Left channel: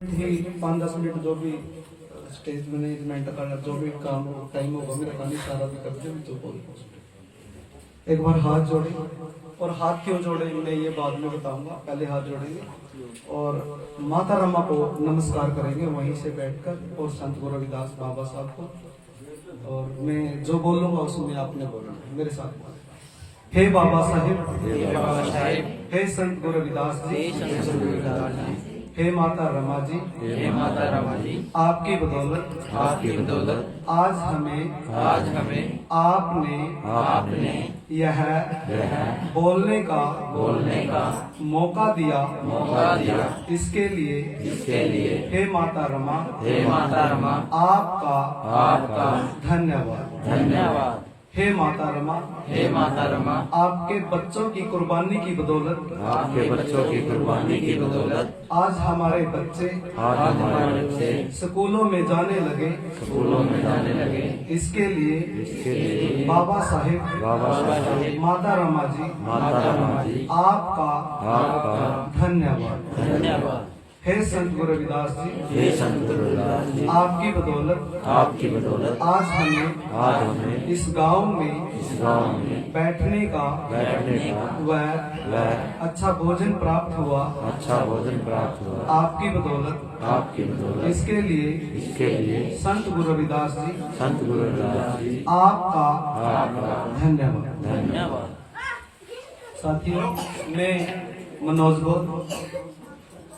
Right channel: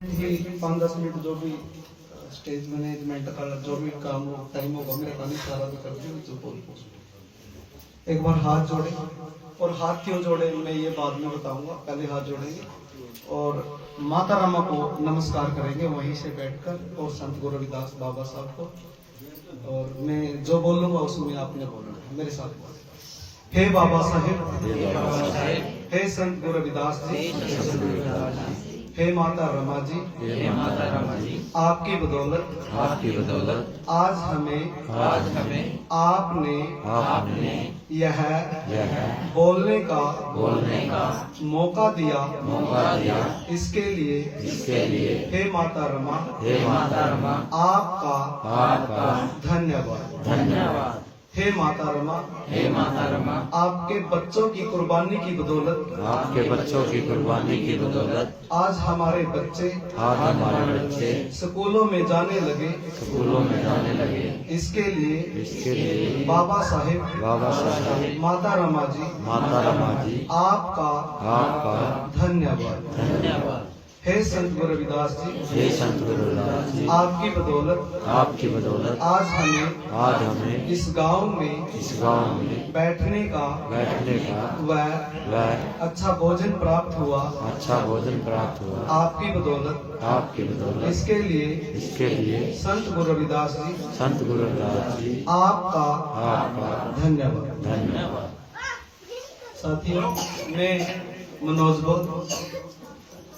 ही 5-10 minute जो भी stage management का जो भी काम हो टाइम होगा मेरा काम सारा भी कर दूँ जो बोल। एक बार हाथ जोड़े और हाथ क्यों जोड़े मैं ये बाद में बताऊंगा, पहले हाथ जोड़ेंगे और माता रमा को नमस्कार करेंगे वहीं से बैठकर और संत गुरु रविदास बाबा साहब को। और मैं जो बोलूंगा उसमें आपने बोलना मेरे साथ बोले। हे बाबा साहेब, हे संत गुरु रविदास जी, हे माता रमा जी, आपकी बदौलत आज हमें आपने यह बोलने का मौका दिया। इसके लिए हे माता रमा आपका धन्यवाद। हे माता रमा आपके बच्चों की कुर्बानी की बदौलत आज हमारे बच्चे स्कूलों में जाने लगे। इसके लिए बाबा साहेब माता रमा जी आपका धन्यवाद। हे संत गुरु रविदास जी, आपकी बदौलत आज हमें इस गांव में बैठने का व अच्छा भोजन प्राप्त हुआ। आपकी बदौलत इसके लिए संत गुरु रविदास जी आपका धन्यवाद। साथियों, मैं मनोज बोल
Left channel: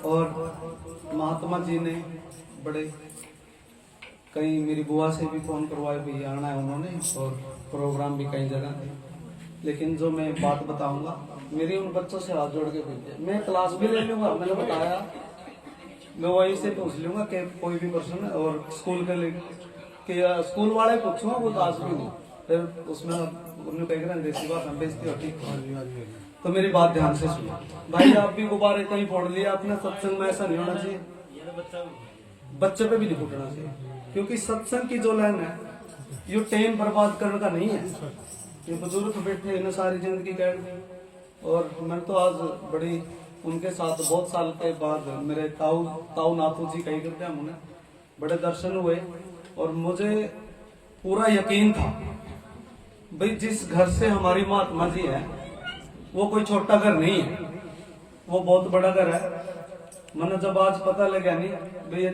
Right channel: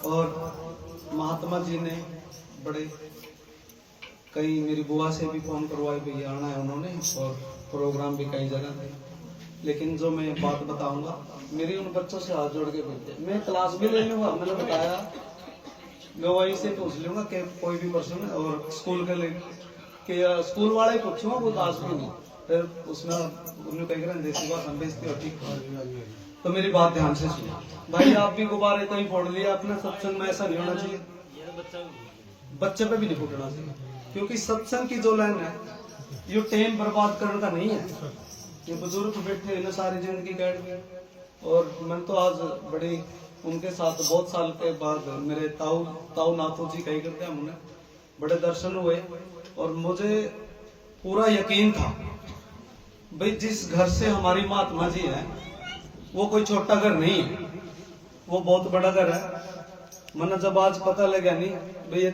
और महात्मा जी ने बड़े कई मेरी बुआ से भी फोन करवाए भैया आना है उन्होंने, और प्रोग्राम भी कई जगह थे। लेकिन जो मैं बात बताऊंगा मेरी उन बच्चों से हाथ जोड़ के भेजे, मैं क्लास भी ले लूंगा, मैंने बताया मैं वहीं से पूछ लूंगा कि कोई भी पर्सन है और स्कूल के लिए कि स्कूल वाले ही पूछूंगा, वो क्लास भी नहीं। फिर उसमें उन्होंने कह देसी भाषा बेचती हो ठीक। तो मेरी बात ध्यान से सुनो भाई, आप भी गुब्बारे कहीं फोड़ लिया अपने सत्संग में, ऐसा नहीं होना चाहिए। बच्चे पे भी नहीं फूटना चाहिए, क्योंकि सत्संग की जो लाइन है ये टाइम बर्बाद करने का नहीं है। ये बुजुर्ग बैठे ना सारी जिंदगी कैद, और मैं तो आज बड़ी उनके साथ बहुत साल के बाद मेरे ताऊ नाथू जी कही करते हैं, उन्हें बड़े दर्शन हुए और मुझे पूरा यकीन था भाई जिस घर से हमारी महात्मा जी है वो कोई छोटा घर नहीं है, वो बहुत बड़ा घर है। मैंने जब आज पता लगा नहीं भाई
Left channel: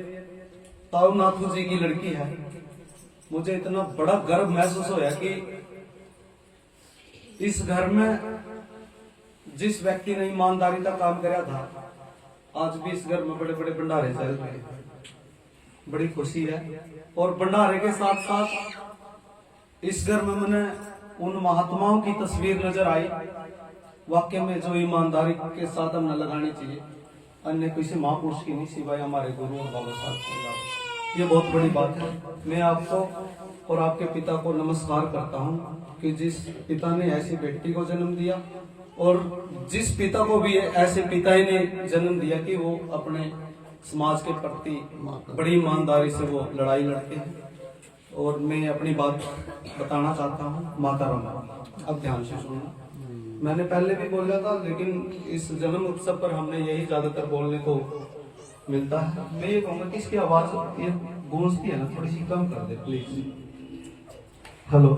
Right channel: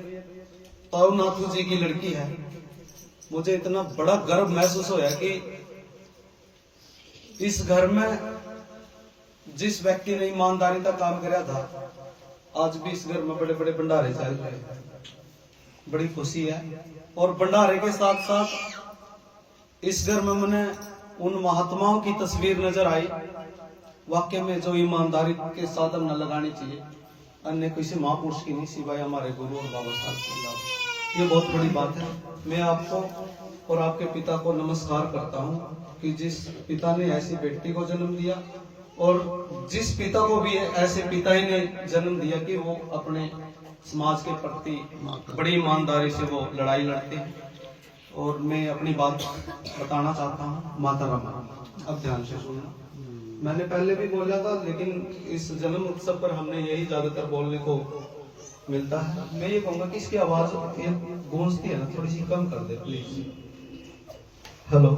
ताऊ नाथू जी की लड़की है, मुझे इतना बड़ा गर्व महसूस होया कि इस घर में जिस व्यक्ति ने ईमानदारी का काम किया था आज भी इस घर में बड़े बड़े भंडारे चल रहे हैं। बड़ी खुशी है। और भंडारे के साथ साथ इस घर में मैंने उन महात्माओं की तस्वीर नजर आई, वाक्य में जो ईमानदारी के साथ हम न लगानी चाहिए, अन्य किसी महापुरुष की नहीं सिवाय हमारे गुरु और बाबा साहब। ये बहुत बड़ी बात है। मैं आपको और आपके पिता को नमस्कार करता हूँ कि जिस पिता ने ऐसी बेटी को जन्म दिया और जिस पिता को भी ऐसे पिता ही ने जन्म दिया कि वो अपने समाज के प्रति बड़ी ईमानदारी से वो लड़ाई लड़ते हैं। और मैं अपनी बात बताना चाहता हूँ माता रमा, अब ध्यान से सुनना। मैंने पहले भी बोला था लेकिन इस जन्म उत्सव पर हमने यही ज्यादातर बोलने को मिलता है। मैं ये कहूंगा कि इसकी आवाज ये गूंजती है ना, थोड़ी सी कम कर दे प्लीज। हेलो,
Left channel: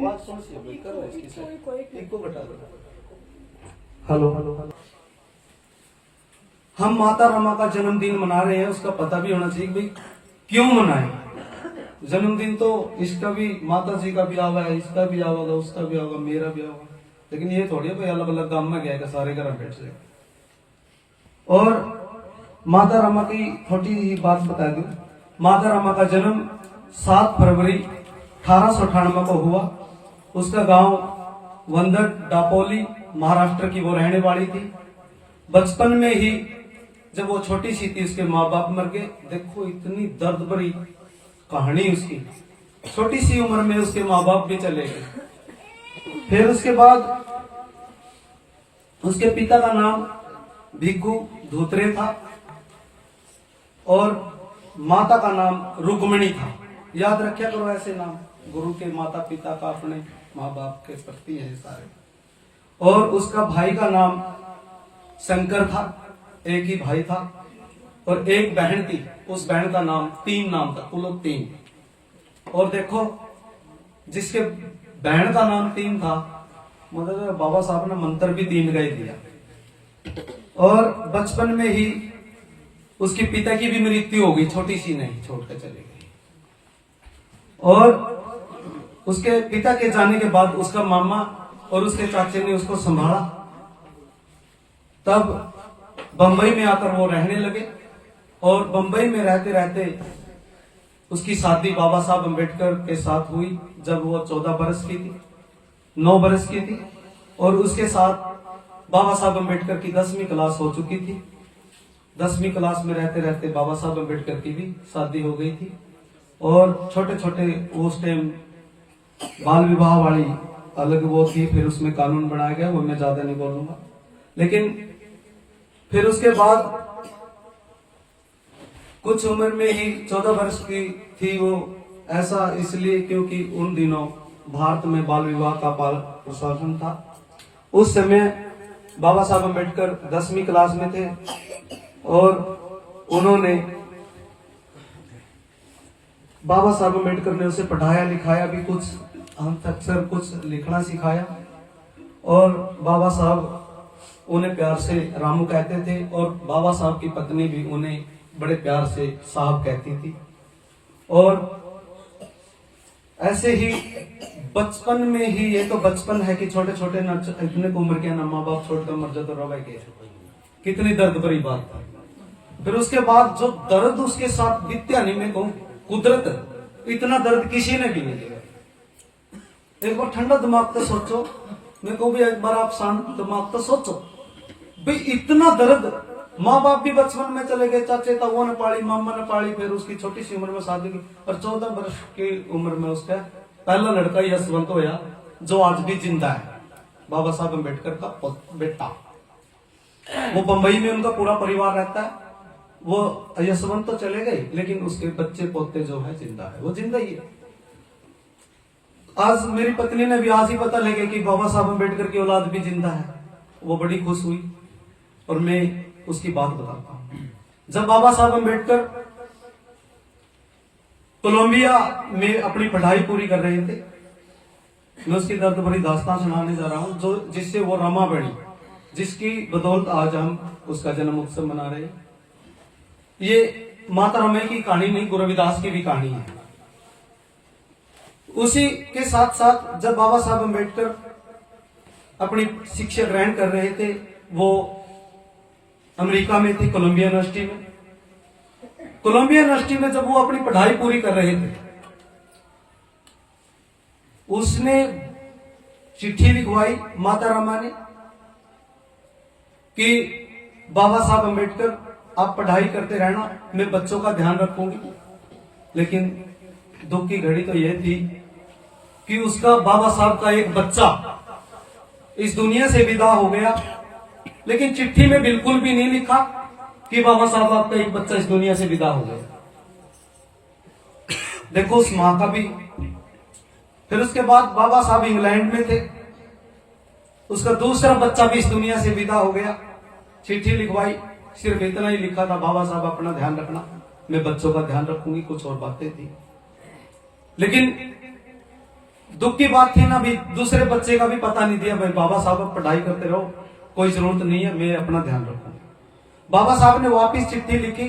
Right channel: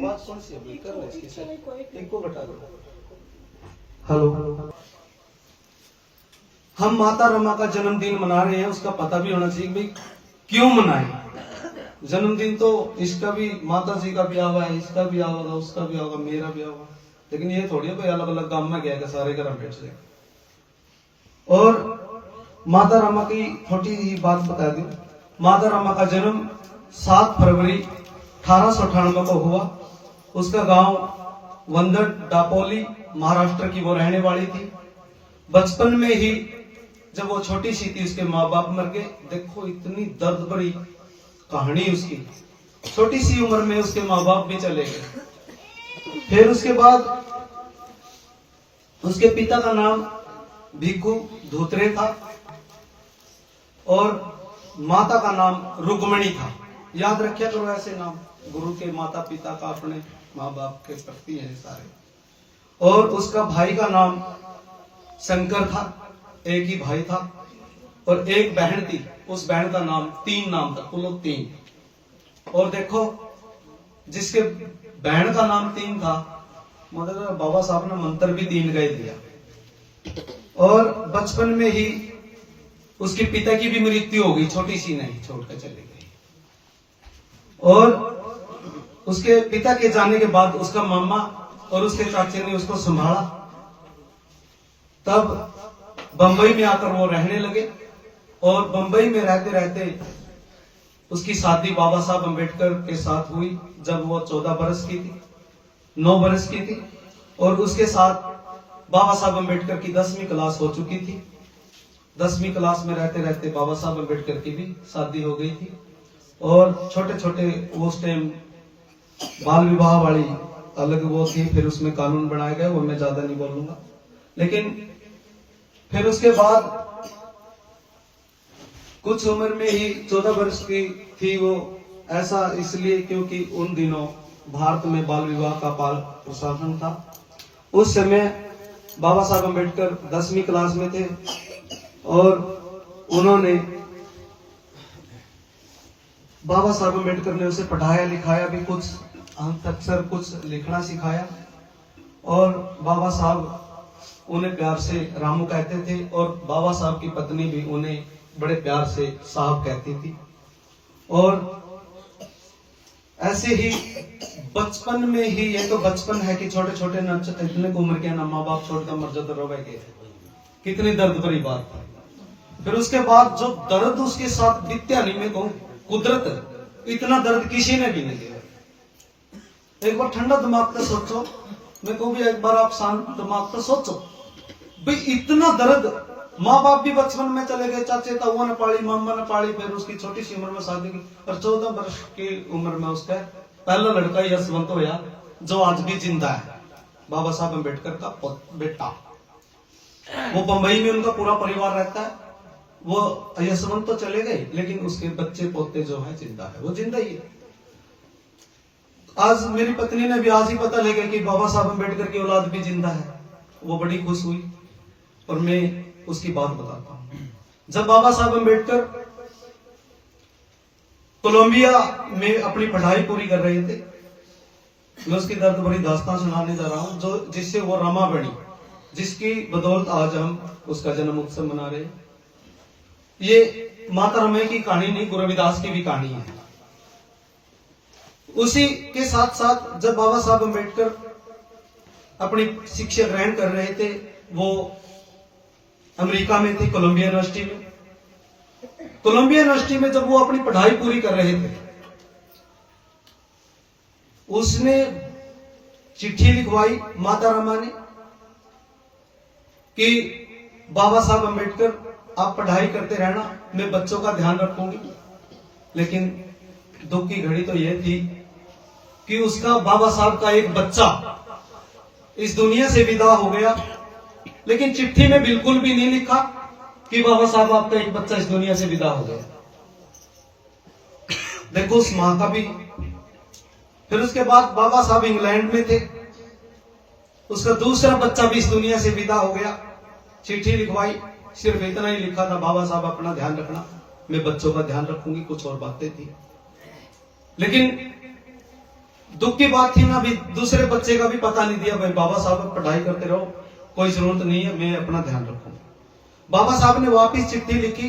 आवाज कौन सी है भाई, कर रहा है इसकी से एक को घटा दो। हेलो, हम माता रमा का जन्मदिन मना रहे हैं, उसका पता भी होना चाहिए भाई क्यों मनाए। जन्मदिन तो इसका भी, माता जी का भी आवा है, इसका भी आवा, उसका भी आवा, मेरा भी आवा, लेकिन ये थोड़ी है भाई अलग अलग काम में गया सारे घर बैठ से। और माता रमा की छोटी बात बता दूं, माता रमा का जन्म 7 फरवरी 1898 को हुआ। उसका गांव वंदर डापोली महाराष्ट्र की वो रहने वाली थी। बचपन में ही जब वो छोटी सी थी उसके माँ बाप मर गए। देखो इतनी दर्द भरी कहानी उसकी, छोटी सी उम्र में उसके माँ बाप भी चले गए। फिर उसके बाद उसके पिता का नाम भिक्खू धोत्रे था और माता का नाम रुक्मिणी था। याद रखिया करो ऐसे नाम, गुरु के माता पिता का अपने माँ बाप के प्रति है सारे। और उसका भाई का नाम शंकर था, एक ही भाई था। और एक बहन थी, उस बहन का नाम 3 नाम था, कुल 3। और देखो जिसके बहन का नाम 3 था, मतलब बाबा साहब ने मंत्र भी 3 का ही दिया। और बचपन में ही उसके पिता की भी मृत्यु हो गई, छोटी सी नहीं, छोड़कर चले गई। और उसके पिता के जाने के बाद उसका मामा और उसके चाचे ने उसको संभाला। तब बंबई में आकर वो रहने लगे और बंबई में रहते रहते उसकी शादी बाबा साहब अम्बेडकर के साथ हुई जब वो 14 बरस की थी, 9 बरस की थी। और उसके साथ बाबा साहब अम्बेडकर की 10वीं क्लास हो चुकी थी। 10वीं क्लास में रहते रहते बाबा साहब अम्बेडकर की भी शादी हो गई थी। और छोटे छोटे उस टाइम बाल विवाह वाली अलग वो थी, फिर उसमें कानून बनाया गया, वो मैं ज्यादा नहीं बोलूंगा। लेकिन फिर उसके बाद कुछ उम्र में ही 14 वर्ष की थी वो, ऐसा इसलिए क्योंकि उन दिनों भारत में बाल विवाह का प्रशासन था। उस समय बाबा साहब अम्बेडकर 10वीं क्लास में थे और उन्होंने बाबा साहब अम्बेडकर ने उसे पढ़ाया लिखाया भी, कुछ अक्षर कुछ लिखना सिखाया। और बाबा साहब उन्हें प्यार से रामू कहते थे और बाबा साहब की पत्नी भी उन्हें बड़े प्यार से साहब कहती थी। और ऐसे ही बचपन में ही, ये तो बचपन है कि छोटे छोटे इतने उम्र के ना माँ बाप छोड़कर मर जाते रो भाई, कितनी दर्द भरी बात। फिर उसके बाद जो दर्द उसके साथ बीत्या नहीं, मैं कहूं कुदरत, इतना दर्द किसी ने भी नहीं दिया। एक बार ठंडा दिमाग तो सोचो, मैं कहूं भी एक बार आप शांत दिमाग तो सोचो भाई, इतना दर्द। माँ बाप भी बचपन में चले गए, चाचे ताऊ ने पाली, मामा ने पाली, फिर उसकी छोटी सी उम्र में शादी की और 14 वर्ष की उम्र में उसका पहला लड़का यशवंत होया, जो आज भी जिंदा है, बाबा साहब अम्बेडकर का बेटा। वो बंबई में उनका पूरा परिवार रहता है। वो यशवंत तो चले गए लेकिन उसके बच्चे पोते जो है जिंदा है, वो जिंदा ही है। आज मेरी पत्नी ने भी आज ही पता लगा कि बाबा साहब अम्बेडकर की औलाद भी जिंदा है। वो बड़ी खुश हुई और मैं उसकी बात बताता हूं। जब बाबा साहब अम्बेडकर कोलंबिया में अपनी पढ़ाई पूरी कर रहे थे, मैं उसकी दर्द भरी दास्तान सुनाने जा रहा हूं, जो जिससे वो रमा बनी, जिसकी बदौलत आज हम उसका जन्म उत्सव मना रहे हैं। ये माता रमाई की कहानी नहीं, गुरु रविदास की भी कहानी है। उसी के साथ साथ जब बाबा साहब अम्बेडकर अपनी शिक्षा ग्रहण कर रहे थे, वो अमेरिका में थे, कोलंबिया यूनिवर्सिटी में। कोलंबिया यूनिवर्सिटी में जब वो अपनी पढ़ाई पूरी कर रहे थे, उसने चिट्ठी लिखवाई माता रमा ने कि बाबा साहब अम्बेडकर आप पढ़ाई करते रहना, मैं बच्चों का ध्यान रखूंगी। लेकिन दुख की घड़ी तो यह थी कि उसका बाबा साहब का एक बच्चा इस दुनिया से विदा हो गया, लेकिन चिट्ठी में बिल्कुल भी नहीं लिखा कि बाबा साहब आपका एक बच्चा इस दुनिया से विदा हो गया। देखो उस मां का भी। फिर उसके बाद बाबा साहब इंग्लैंड में थे, उसका दूसरा बच्चा भी इस दुनिया से विदा हो गया। चिट्ठी लिखवाई, सिर्फ इतना ही लिखा था, बाबा साहब अपना ध्यान रखना, मैं बच्चों का ध्यान रखूंगी। कुछ और बातें थी, लेकिन दुख की बात थी ना, भी दूसरे बच्चे का भी पता नहीं दिया, भाई बाबा साहब पढ़ाई करते रहो, कोई जरूरत नहीं है, मैं अपना ध्यान रखूंगा। बाबा साहब ने वापिस चिट्ठी लिखी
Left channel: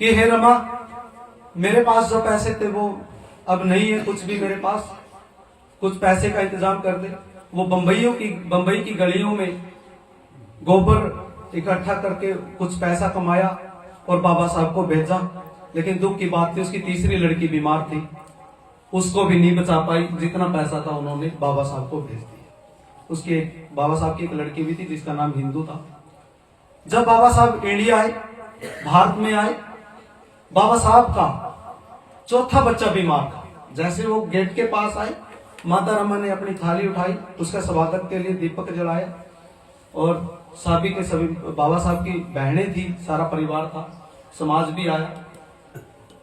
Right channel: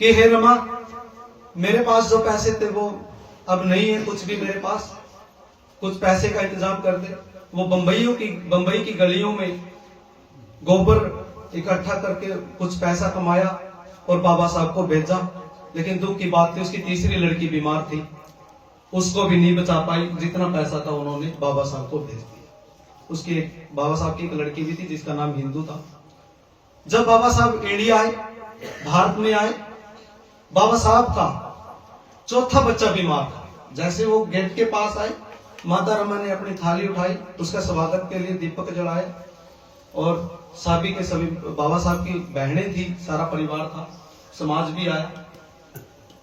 कि हे रमा, मेरे पास जो पैसे थे वो अब नहीं है, कुछ भी मेरे पास, कुछ पैसे का इंतजाम कर दे। वो बंबई की गलियों में गोबर इकट्ठा करके कुछ पैसा कमाया और बाबा साहब को भेजा। लेकिन दुख की बात थी, उसकी तीसरी लड़की बीमार थी, उसको भी नहीं बचा पाई। जितना पैसा था उन्होंने बाबा साहब को भेज दिया। उसके बाबा साहब की एक लड़की भी थी जिसका नाम हिंदू था। जब बाबा साहब इंडिया आए, भारत में आए, बाबा साहब का चौथा बच्चा बीमार था। जैसे वो गेट के पास आए, माता रमा ने अपनी थाली उठाई, उसका स्वागत के लिए दीपक जलाया और सभी के सभी बाबा साहब की बहनें थी, सारा परिवार था, समाज भी आया।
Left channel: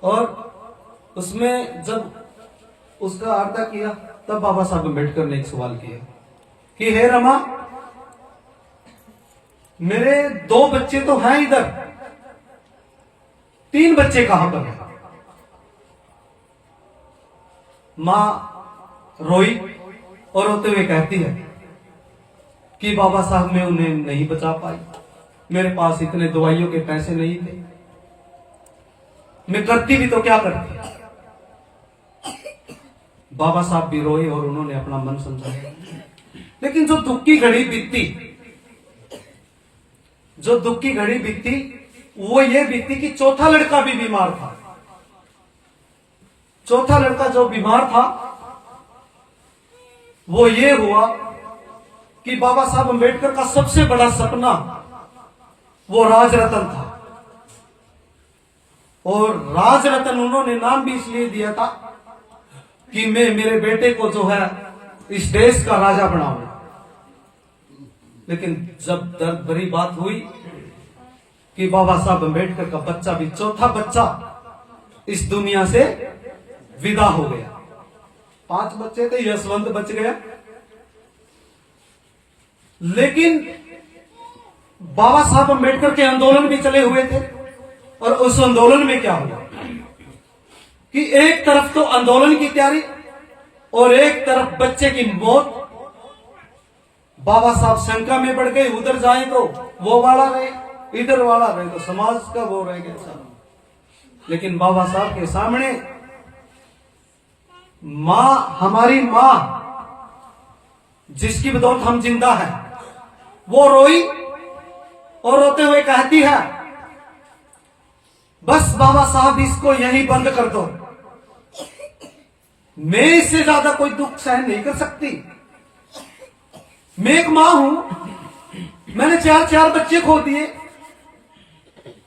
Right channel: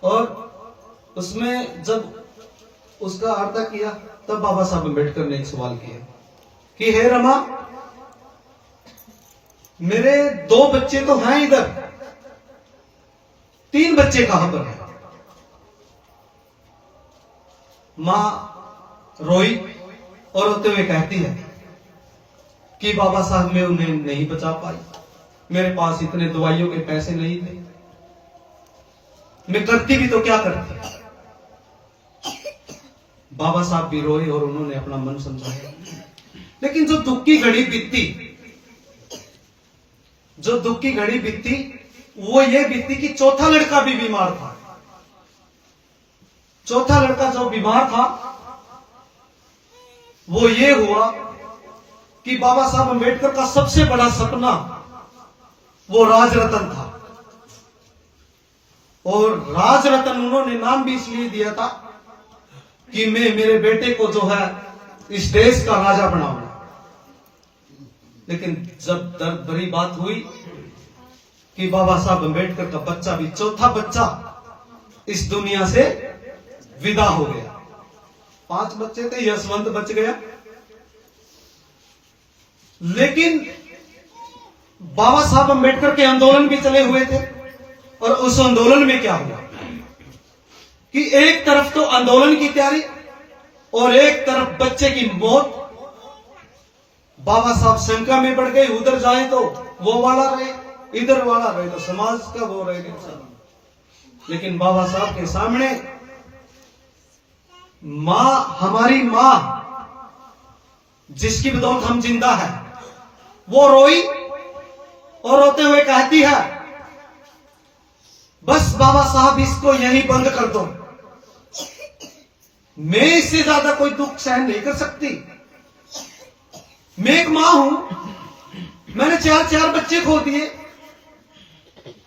और उसमें जब उसका आरता किया, तब बाबा साहब अम्बेडकर ने एक सवाल किया कि हे रमा, मेरे 2 बच्चे तो हैं इधर, 3 बच्चे कहां पर हैं? मां रोई और रोते हुए कहती है कि बाबा साहब मैं उन्हें नहीं बचा पाई, मेरे पास इतने दवाइयों के पैसे नहीं थे, मैं करती भी तो क्या करती। बाबा साहब भी रोए और उन्होंने अपना मन समझाया। लेकिन जो दुख की घड़ी बीती, जो दुख की घड़ी बीती वो ये बीती कि चौथा लड़का भी बीमार था। चौथा लड़का जो बीमार था वो ये हुआ कि बाबा साहब अंबेडकर का सबसे बड़ा सपना वो राजरत्न था। और राजरत्न उन्होंने नाम भी इसलिए दिया था कि मैं मेरे बेटे को जो है इस देश का राजा बनाऊंगा। लेकिन जब दर्द भरी बात हुई कि बाबा साहब अंबेडकर का बच्चा भी, चौथा बच्चा इस दुनिया से विदा हो गया। 5 बच्चे थे, यशवंत बच गया। लेकिन बाबा साहब अंबेडकर के आंदोलन भी चले हुए थे। और उस आंदोलन में क्या हुआ कि एक तरफ तो आंदोलन की तैयारी और एक तरफ बच्चे की मौत। बाबा साहब शंका में पड़ गए, उधर जाए तो वो वाला रहे, इधर वाला रहे तो समाज का वो रहेगा। लेकिन बाबा साहब के सामने मां, हमारी मां जिसकी बदौलत हम जिंदा है, वो रोई और रोते हुए कहती है बस बाबा साहब इसको यहीं बंद कर दो, मैं इससे ज्यादा कोई दुख सहन नहीं कर सकती। मैं एक मां हूं, मैंने 4 बच्चे खो दिए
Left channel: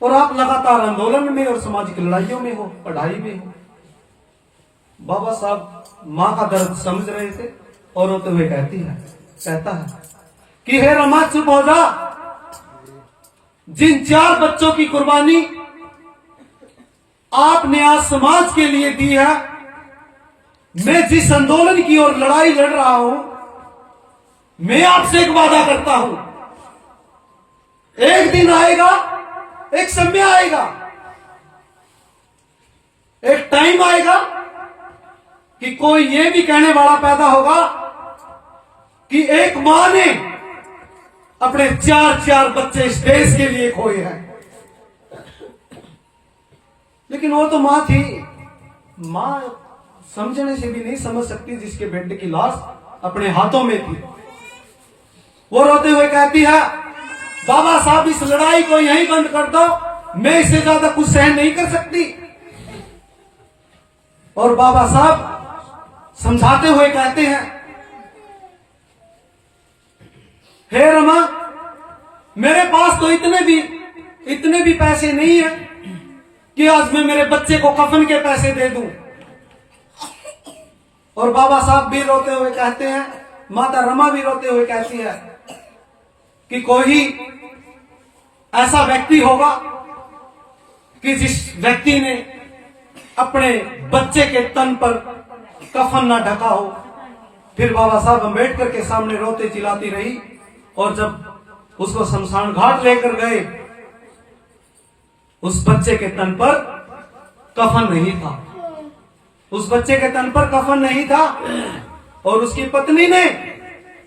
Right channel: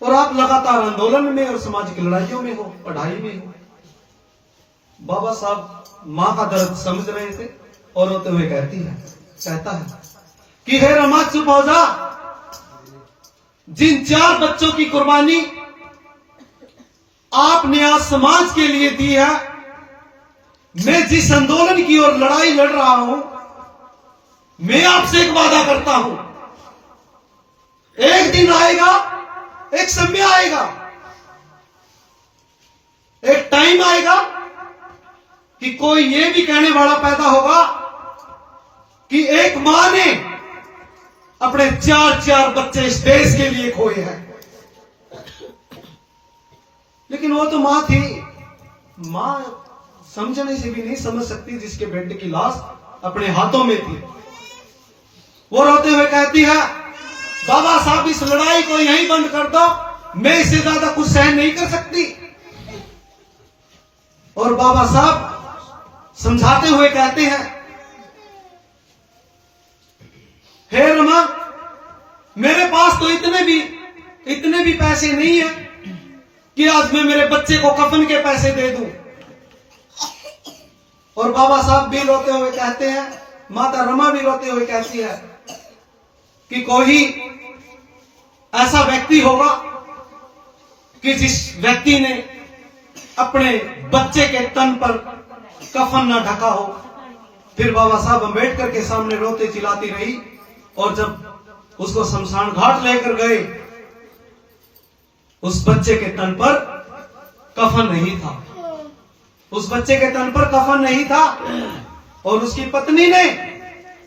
और आप लगातार आंदोलन में और सामाजिक लड़ाइयों में हो, पढ़ाई में हो। बाबा साहब मां का दर्द समझ रहे थे और रोते हुए कहता है कि हे रमा चुप हो जा, जिन 4 बच्चों की कुर्बानी आपने आज समाज के लिए दी है, मैं जिस आंदोलन की ओर लड़ाई लड़ रहा हूं, मैं आपसे एक वादा करता हूं, एक दिन आएगा, एक समय आएगा, एक टाइम आएगा कि कोई ये भी कहने वाला पैदा होगा कि एक मां ने अपने 4 बच्चे इस देश के लिए खोए हैं। लेकिन वो तो मां थी, मां समझने से भी नहीं समझ सकती जिसके बेटे की लाश अपने हाथों में थी। वो रोते हुए कहती है बाबा साहब इस लड़ाई को यहीं बंद कर दो, मैं इससे ज्यादा कुछ सहन नहीं कर सकती। और बाबा साहब समझाते हुए कहते हैं हे रमा, मेरे पास तो इतने भी पैसे नहीं है कि आज मैं मेरे बच्चे को कफन के पैसे दे दूं। और बाबा साहब भी रोते हुए कहते हैं, माता रमा भी रोते हुए कहती है कि कोई ऐसा व्यक्ति होगा कि जिस व्यक्ति ने अपने बच्चे के तन पर कफन ना ढका हो। फिर बाबा साहब अंबेडकर के सामने रोते चिल्लाती रही और जब उसको शमशान घाट लेकर गए, उस बच्चे के तन पर कफन नहीं था, उस बच्चे के तन पर कफन नहीं था। और उसकी पत्नी ने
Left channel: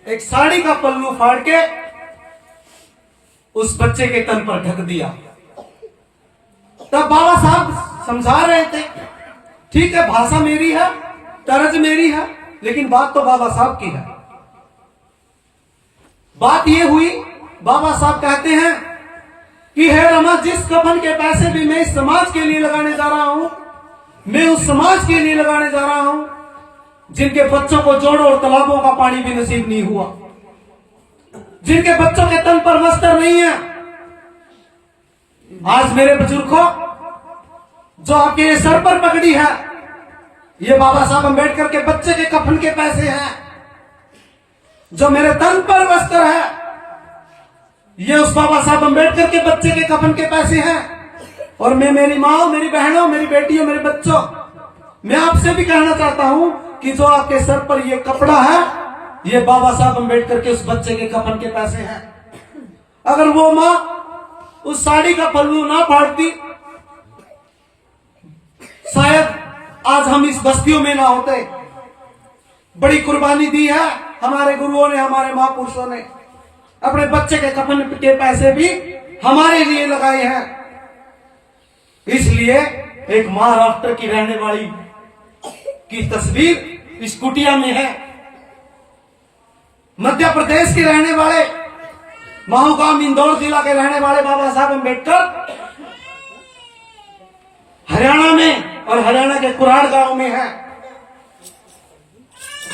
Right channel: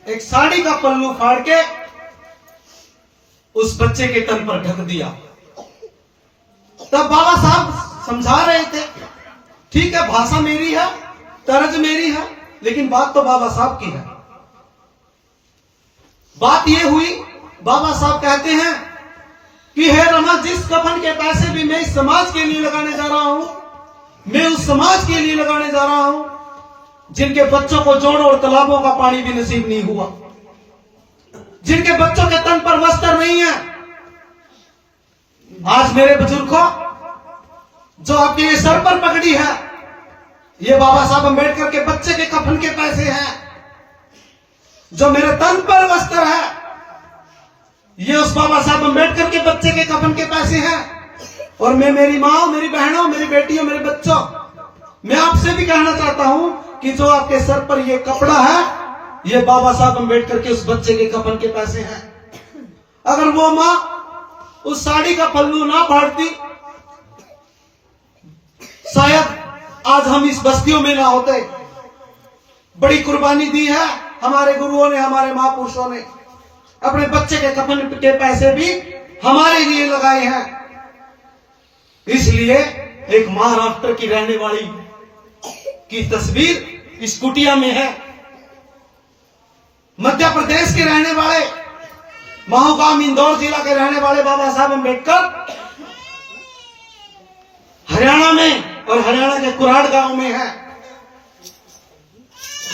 एक साड़ी का पल्लू फाड़ के उस बच्चे के तन पर ढक दिया। तब बाबा साहब समझा रहे थे, ठीक है भाषा मेरी है, तर्ज मेरी है, लेकिन बात तो बाबा साहब की है। बात यह हुई, बाबा साहब कहते हैं कि हे रमा, जिस कफन के पैसे भी मैं इस समाज के लिए लगाने जा रहा हूं, मैं उस समाज के लिए लगाने जा रहा हूं जिनके बच्चों को जोड़ों और तालाबों का पानी भी नसीब नहीं हुआ, जिनके बच्चों के तन पर वस्त्र नहीं है। आज मेरे बुजुर्गों, जो आपके ये सर पर पगड़ी है, ये बाबा साहब अंबेडकर के बच्चे के कफन के पैसे हैं। जो मेरे तन पर वस्त्र है, ये उस बाबा साहब अंबेडकर के बच्चे के कफन के पैसे हैं। और मैं मेरी माँ, मेरी बहनों, मेरी बेटियों, मेरे बच्चों, मैं आपसे भी कहना चाहता हूं कि जो आपके सर पर ये कपड़ा है, ये बाबा साहब अंबेडकर के उस बच्चे के कफन के पैसे हैं। अगर वो माँ उस साड़ी का पल्लू ना फाड़ती आज हम इस बस्तियों में ना होते। बड़ी कुर्बानी दी है हमारे गुरुओं ने, हमारे महापुरुषों ने। अपने बच्चे के कफन के पैसे भी हमारे लिए लगाए हैं। इसलिए एक महाराष्ट्र की रहने वाली की तस्वीर इस कुटिया में है। मध्य प्रदेश के रहने वाले, माहौगाम इंदौर जिला के रहने वाले बाबा साहब अम्बेडकर हरियाणा में और हरियाणा के कुराड़ गांव में है।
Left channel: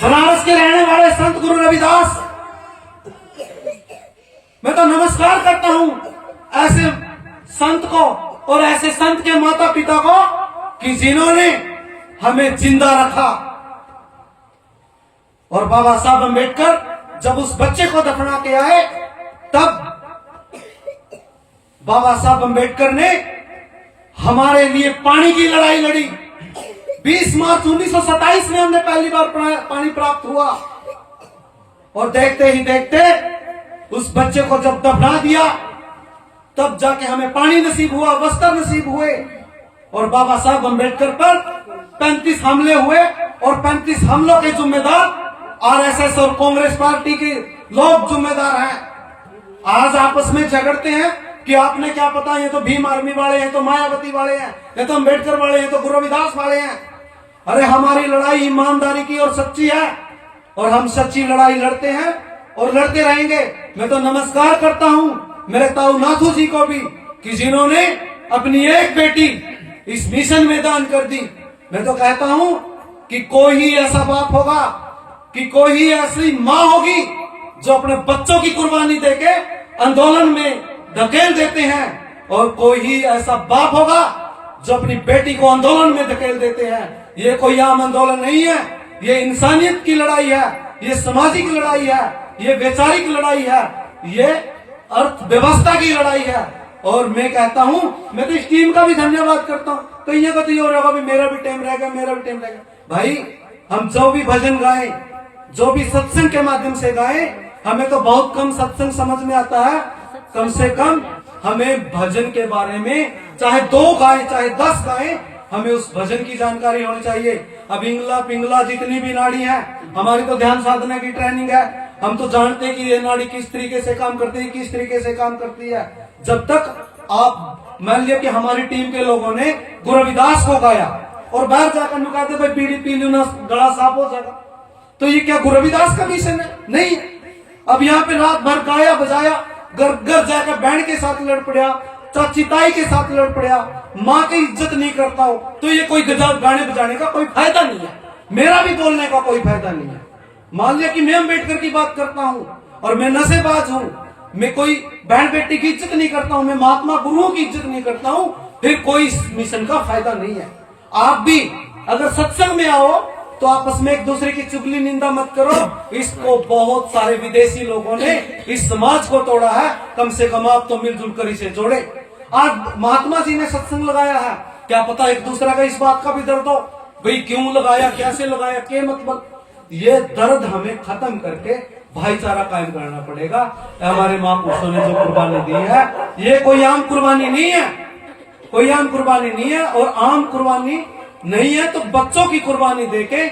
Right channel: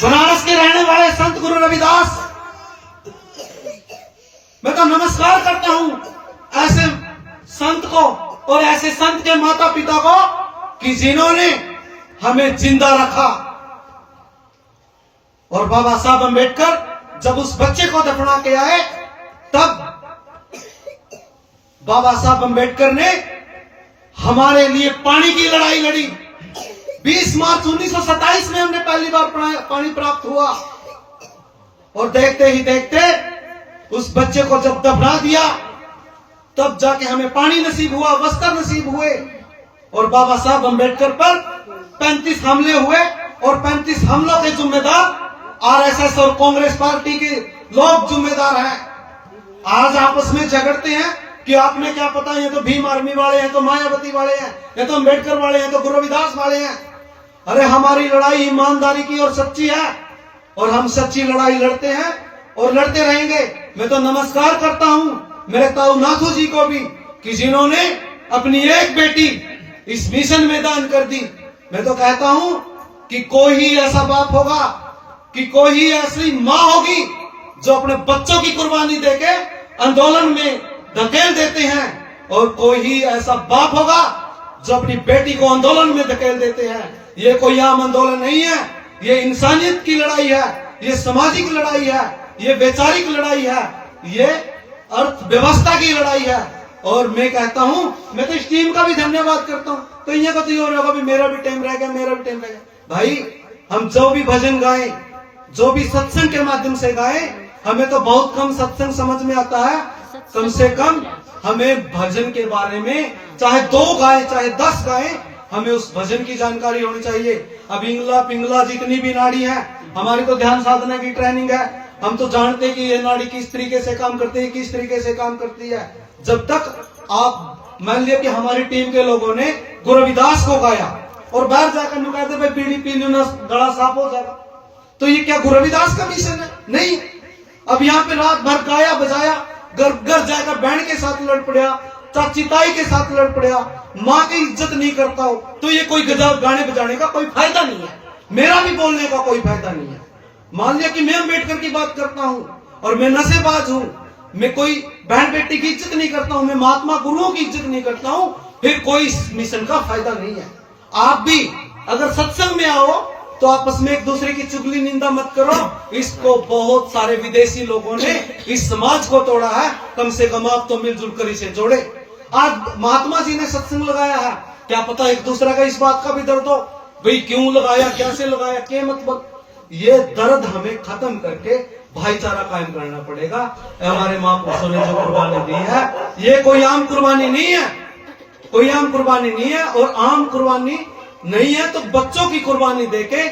बनारस के रहने वाले संत गुरु रविदास, मैं तो नमस्कार करता हूं ऐसे संत को और ऐसे संत के माता पिता को कि जिन्होंने हमें जिंदा रखा। और बाबा साहब अम्बेडकर जब उस बच्चे को दफना के आए, तब बाबा साहब अम्बेडकर ने हमारे लिए पानी की लड़ाई लड़ी। 20 मार्च 1927 में हमने पहली बार पानी प्राप्त हुआ। और देखते ही देखते उस बच्चे को जब दफना दिया, तब जाके हमें पानी नसीब हुआ, वस्त्र नसीब हुए। और बाबा साहब अम्बेडकर पर 35 हमले हुए और 35 हमलों के जिम्मेदार आरएसएस और कांग्रेस पार्टी के लोग जिम्मेदार हैं। आज आपस में झगड़ते हैं कि आपने क्या पता, ये तो भीम आर्मी वाले हैं, तो मायावती वाले हैं, ये तो अम्बेडकर वाले हैं, तो गुरु रविदास वाले हैं। अरे हमारी लड़ाई ईमानदारी की और सच्ची है, और हम सच्ची लड़ाई लड़ते हैं और लड़ते रहेंगे। मैं तो नमस्कार करता हूं मेरे ताऊ नाथू जी को भी कि जिन्होंने अपनी एक बेटी इस मिशन में दान कर दी। मैं तो कहता हूं कि कोई ही ऐसा बाप होगा, कि कोई ही ऐसी मां होगी जो अपने बच्चों की कुर्बानी देके आंदोलन में धकेल देते हैं, और कोई ही ऐसा बाप होगा जो अपनी बेटी को आंदोलन में धकेल देते हैं। ये कोई आम आंदोलन नहीं है, ये इंसानियत की लड़ाई है, ये सामाजिक लड़ाई है, ये वैचारिक लड़ाई है, ये अर्थव्यवस्था की लड़ाई है। और मैं कहता हूं, मैं तो इस टीम का भी धन्यवाद करता हूं। कहीं को तो ये होगा भी मेरा भी टाइम रहेगा, मेरा भी टाइम रहेगा। भाई हम जो भी भजन गाएं, जो भी सत्संग के माध्यम से गाएं, हमें तो बहुत कम सत्संग समझ में आता है। कम से कम हमें भजन के बारे में चाहे 2 गाएं चाहे 10 गाएं, हमें उस भजन की जानकारी होनी चाहिए। अब इंगला पिंगला जितनी भी नाड़ी है, हमारी तो ध्यान साधना की ट्रेनिंग है। हम तो जानते हैं कि ये नाड़ी किस तरीके से काम करती है, किस तरीके से काम करती है। जब तक आप मान लिया कि हमारी टीम के लोगों ने गुरु रविदास को गाया और बाहर जाकर कहते भाई बीड़ी पी लो ना गला साफ हो जाएगा, तो ये क्या गुरु रविदास का मिशन है? नहीं। अब यहाँ पे रात भर गाया बजाया, घर घर जाकर बैंड के साथ लड़ पड़ा, चाची ताई के साथ लड़ पड़ा, माँ की इज्जत नहीं करता हो, तो ये कोई गजब गाने बजाने का कोई फायदा नहीं है। मेरा भी बोलने का कोई फायदा नहीं है। मान लिया कि मैं अम्बेडकर की बात करता हूं और मैं नशेबाज हूं, मैं कोई बहन बेटी की इज्जत नहीं करता हूं, मैं महात्मा गुरुओं की इज्जत नहीं करता हूं, फिर कोई इस मिशन का फायदा नहीं है। आप भी अगर सत्संग में आओ तो आपस में एक दूसरे की चुगली निंदा मत करो। इसको बहुत सारे विदेशी लोगों ने इस समाज को तोड़ा है, कम से कम आप तो मिलजुल कर इसे जोड़े। आज महात्मा जी ने सत्संग लगाया है, क्या पता एक दूसरे का इस बात का भी दर्द हो, भाई क्यों लगाया, कैसे लगाया, क्या मतलब। ये दर्द हमें खत्म करके भाईचारा कायम करना पड़ेगा। हमारे महापुरुषों ने जो कुर्बानी दी है, ये कोई आम कुर्बानी नहीं है, कोई आम कुर्बानी नहीं है। और आम कुर्बानी नहीं है तो बच्चों की कुर्बानी देके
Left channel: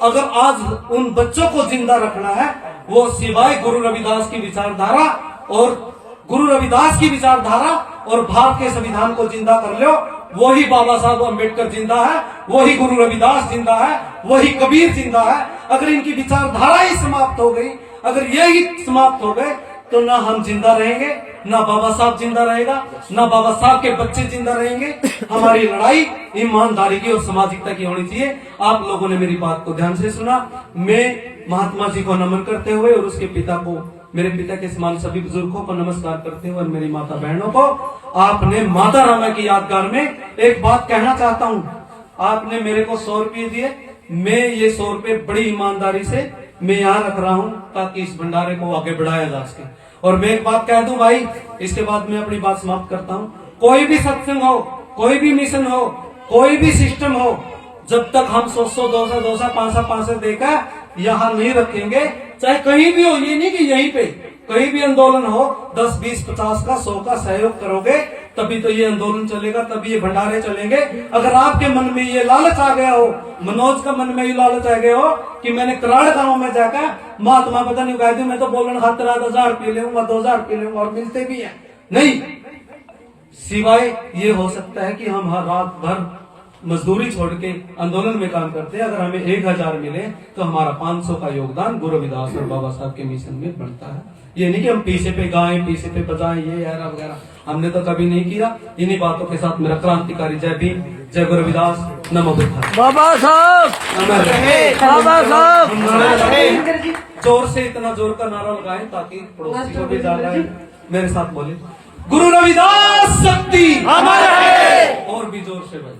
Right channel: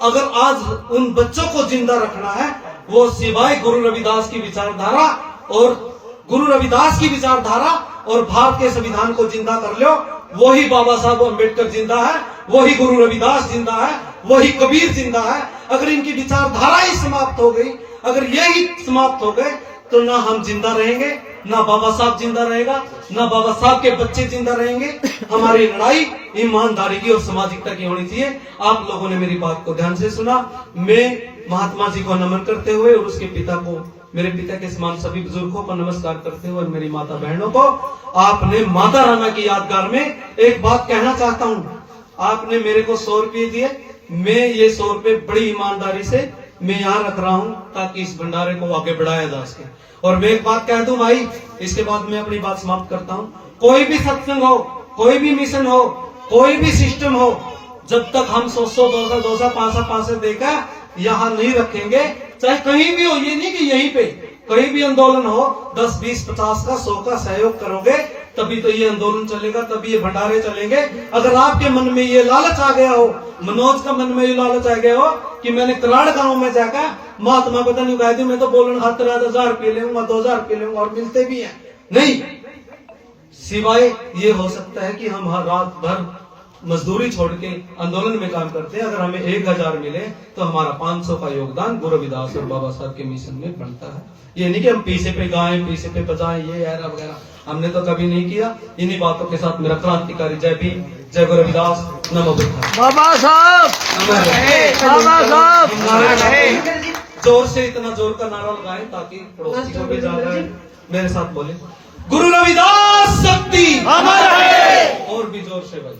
अगर आज उन बच्चों को जिंदा रखना है, वो सिवाय गुरु रविदास की विचारधारा और गुरु रविदास की विचारधारा और भारत के संविधान को जिंदा कर लो, वही बाबा साहब अम्बेडकर जिंदा है, वही गुरु रविदास जिंदा है, वही कबीर जिंदा है। अगर इनकी विचारधारा ही समाप्त हो गई, अगर यही समाप्त हो गए, तो ना हम जिंदा रहेंगे, ना बाबा साहब जिंदा रहेगा, ना बाबा साहब के बच्चे जिंदा रहेंगे। हमारी लड़ाई ईमानदारी की और सामाजिकता की होनी चाहिए। आप लोगों ने मेरी बात को ध्यान से सुना। मैं महात्मा जी को नमन करते हुए और उसके पिता को, मेरे पिता के समान सभी बुजुर्गों को नमस्कार करते हुए और मेरी माता बहनों को, आपने माता रामा की यादगार में एक बात कहना चाहता हूँ। आपने मेरे को 100 रुपये दिए, मैं ये 100 रुपये बड़ी ईमानदारी से मैं यहाँ रख रहा हूँ ताकि इस भंडारे को आगे बढ़ाया जा सके। और मैं एक बात कह दूं भाई, इसके बाद मैं अपनी बात समाप्त करता हूँ। कोई भी सत्संग हो, कोई भी मिशन हो, कोई भी सिस्टम हो, जब तक हम 100, 200, 500 देकर यहाँ नहीं रखेंगे, चाहे कहीं भी हो, ये नहीं कि यहीं पे कहीं भी आंदोलन हो, 10, 20, 50 का 100 का सहयोग करोगे तभी तो ये आंदोलन चलेगा, तभी ये भंडारे चलेंगे। अगर आपके मन में ये लालच आ गया हो, मनोज का मन में ये लालच आ गया हो कि मैंने कराड़ गांव में जाकर महात्मा पता नहीं कहा थी, मैं तो बोलन खातर 1000 पी लूंगा, 2000 पी लूंगा, और मिलते भी हैं नहीं। सिवाय ये हो सकता है कि हम हर रात भर मजदूरी छोड़ के आंदोलन में काम करते हैं। अगर हमें 1000 मिले तो हमारा 500 का योगदान गुरु रविदास और बाबा साहब के मिशन में बनता है। ये नहीं कि हम पीछे पे गाएं, पीछे पे बजाएं, ये यार वगैरह हमने तो कभी नहीं किया। इन्हीं बातों के साथ मेरा क्रांतिकारी जय भीम, जय गुरु रविदास, नमो बुद्धाय। बाबा साहब, बाबा साहब, जोर से इतना जोर का नारा लगाएं ताकि पड़ोसी को भी याद आए। मेरे साथ बोले, गुरु रविदास शक्ति अमर है। और भी जोर से भाई,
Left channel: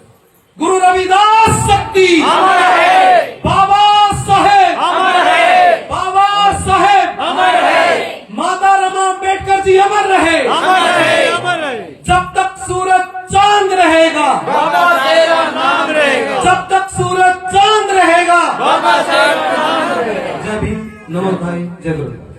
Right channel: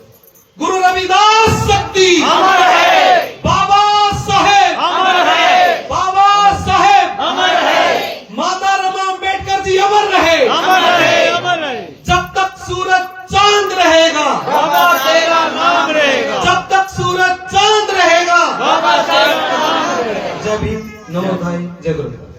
गुरु रविदास शक्ति अमर है। बाबा साहेब अमर है। बाबा साहेब अमर है। माता रमा अम्बेडकर जी अमर रहे। अमर है। अमर है। जब तक सूरज चांद रहेगा बाबा तेरा नाम रहेगा। जब तक सूरज चांद रहेगा बाबा तेरा नाम रहेगा। जय भीम, नमो भाई, जय गुरु।